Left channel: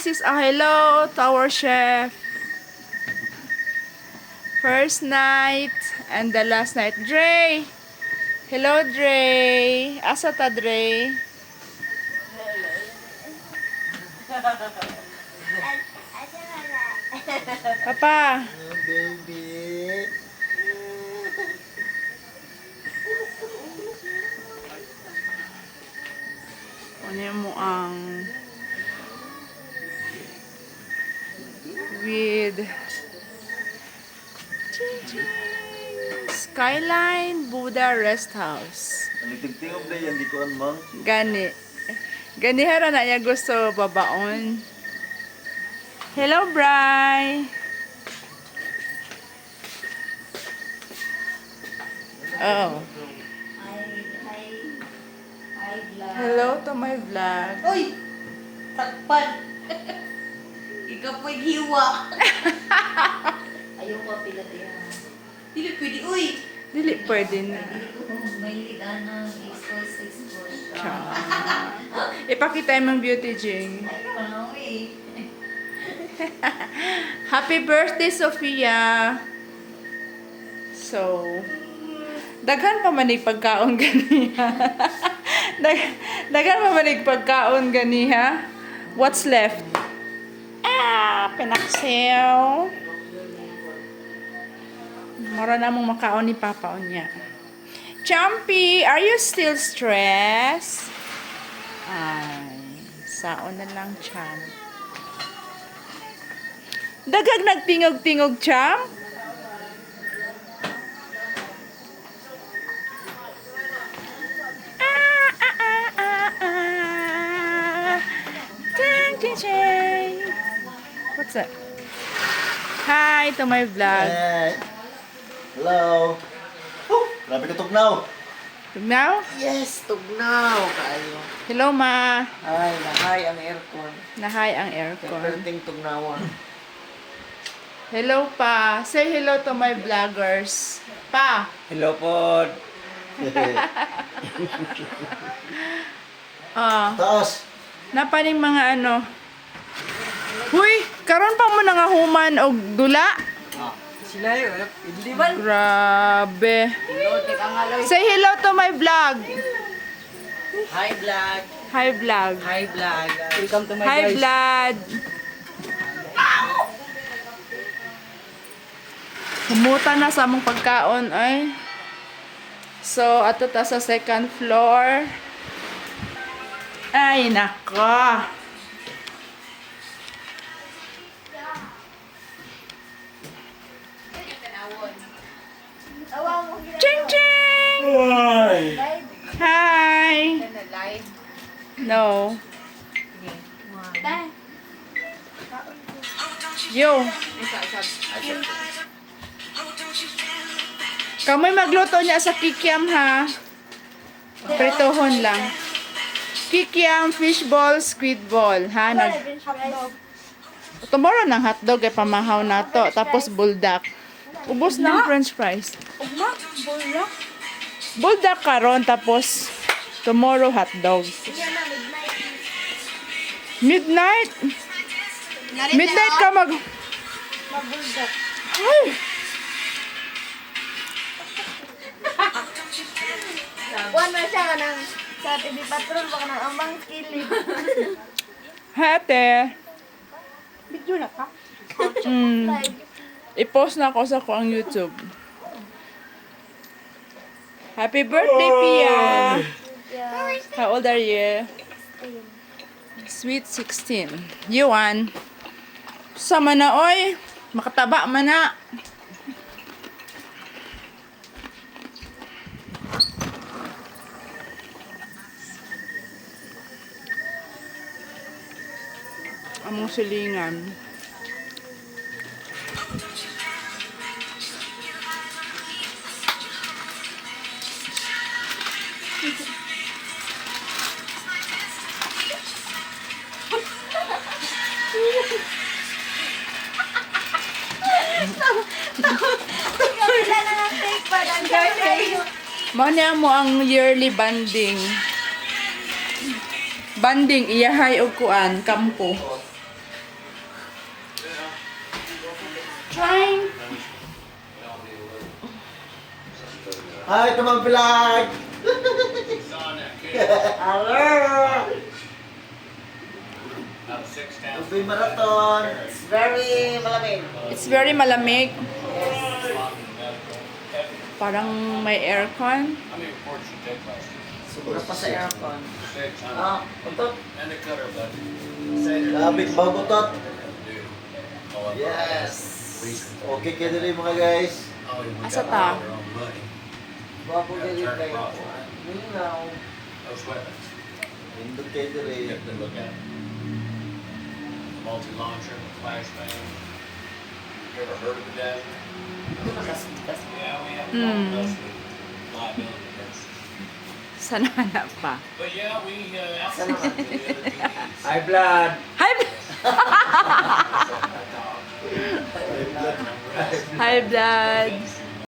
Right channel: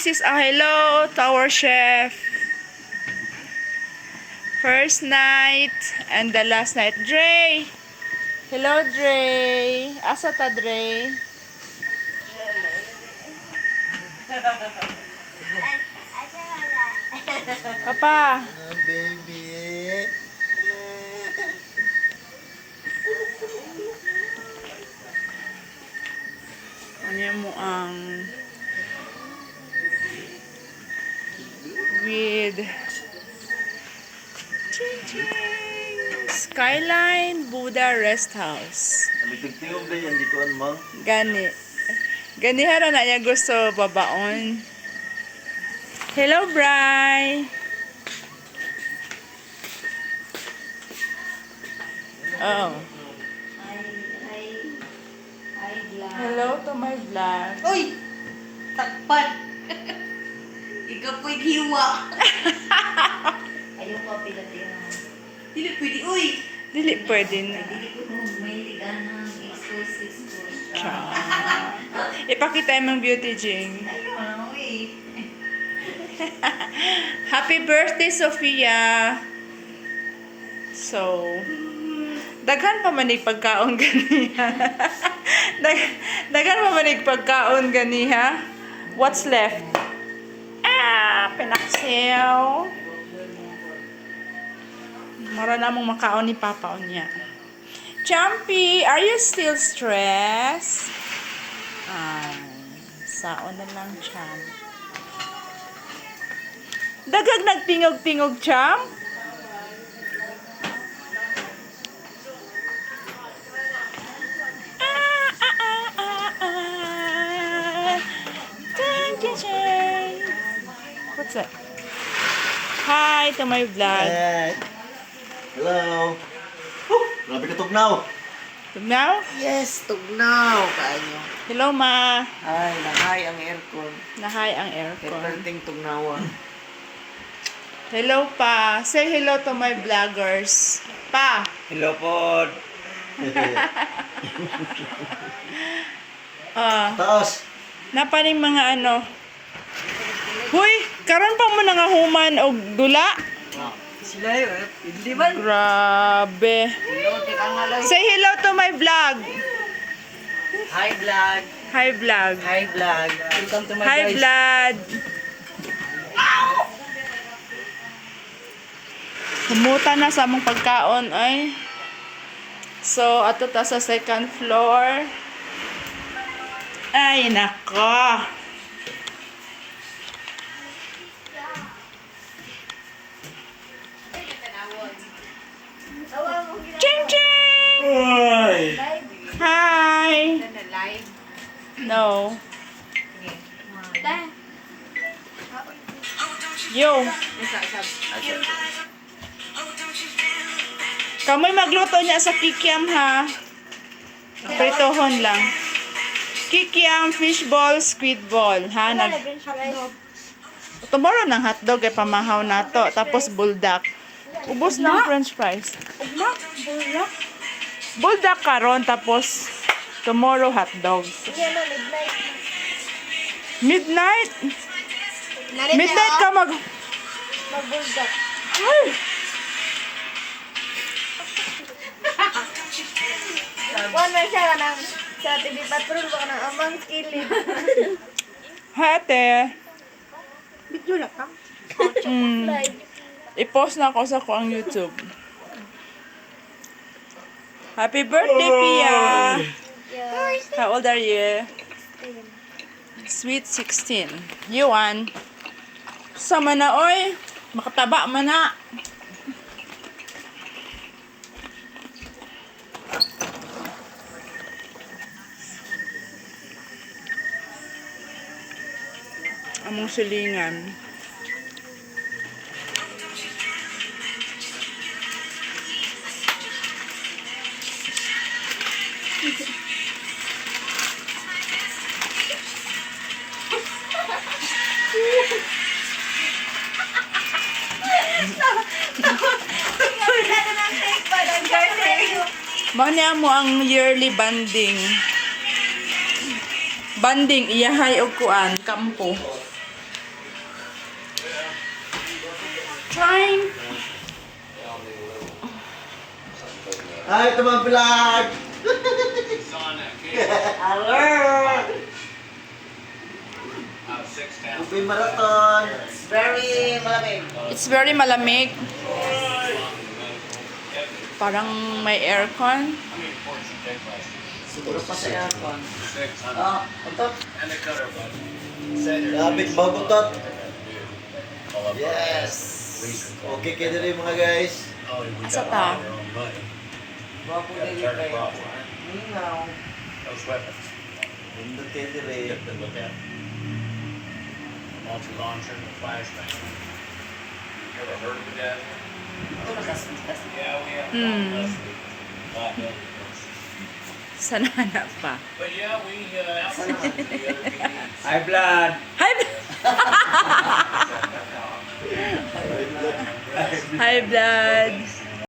this is a hello to our chef. First night and the last night. Dre! Hello, Dre! Asa ta, Dre? Papa! Baby. Ano mo ang with Skyline Buddha Rest House. Nalitigtingog na yan, di ko anmang. Gani. Gani hara na niya gusto babaon. Hello, Bri. Oh. Hello to my vlog. Uy! Takpan! Ikaw po'y hiwa. Ayaw ko pinatiyan. Dili pwede, uy! Dili pwede na. May tiganang explosive push. Ipakita yung beauty, Jing. Ayaw na, uy. Happy birthday, Sofia! So, daghan pa manig pagkaon ganiha. Daghan pa manig pagkaon ganiha. What's left? Pinaksew. Mara na mong makaon ni Papa niya. Chumpy, are you still stressed? Ay, saon na lang, Champ. Dagag nagtingog-tingog, Champ. What's up? Hi to my vlog. Hey. Hello. Grabe ka tugnaw. Now? Yes, tugnaw kayo. Hello, Ma. Ay, nahay ang aircon. Nahay ang aircon. Perting tugnawan. Hello, Pa. Say hello to my vloggers. Pa. Hello po. Taas. Napaning mga ano. Huy, karon pa mo nga human og dula. Sila yun. Hindi ba? Grabe. Hello, teka nga lang. Say hello to my vlog. Hi, vlog. Hi, vlog. Hi, vlog. Welcome to my Hi, guys. vlog. Humuta na sa among pagkaon ay. So, ato ta sa second floor. Ay, nako. Ching ching! Ay. Hi! No. Yo. Kamoy magluto niya sa kikiam ha. Pritohon lang. Kikiam, fishball, squid ball. Ha? Tomorrow ng hotdog ay pamahaw na to. Tapos buldak. Ubos ng french fries. Buldak karon tapos tomorrow hotdog. Midnight? Midnight ka Magbuldak. Ay! One man siya ka ng sa TV Patrol baka ng amang skilling. Hate. Video na ka? Mm. I-post na ako sa ko ang YouTube. Happy birthday, Pia! Yeah. How old are you? Sweet 16. Yuan. Sama na, oy. Makataba man na. Among silingan. Manya mo ang yearly banding. Banding, iyahay o kuan, kampo. trying. Hi, Tumang Vlog! Hello! Ube Marathon! Very malamig. It's very malamig. Parang may aircon. Sobra pa sa aircon. Ah, utot. Labing bagutot! Yes! Okay kayo rin mga guys. Asa ta? Bago dili kayo. Minaw. Indot kayo rin. Multi-launcher, flashbang. You ever heard of a dad? Yeah, we have liability first. Sana hanap pa. But yeah, we outsourced to the other PDs. High blood. Hi, hi blood.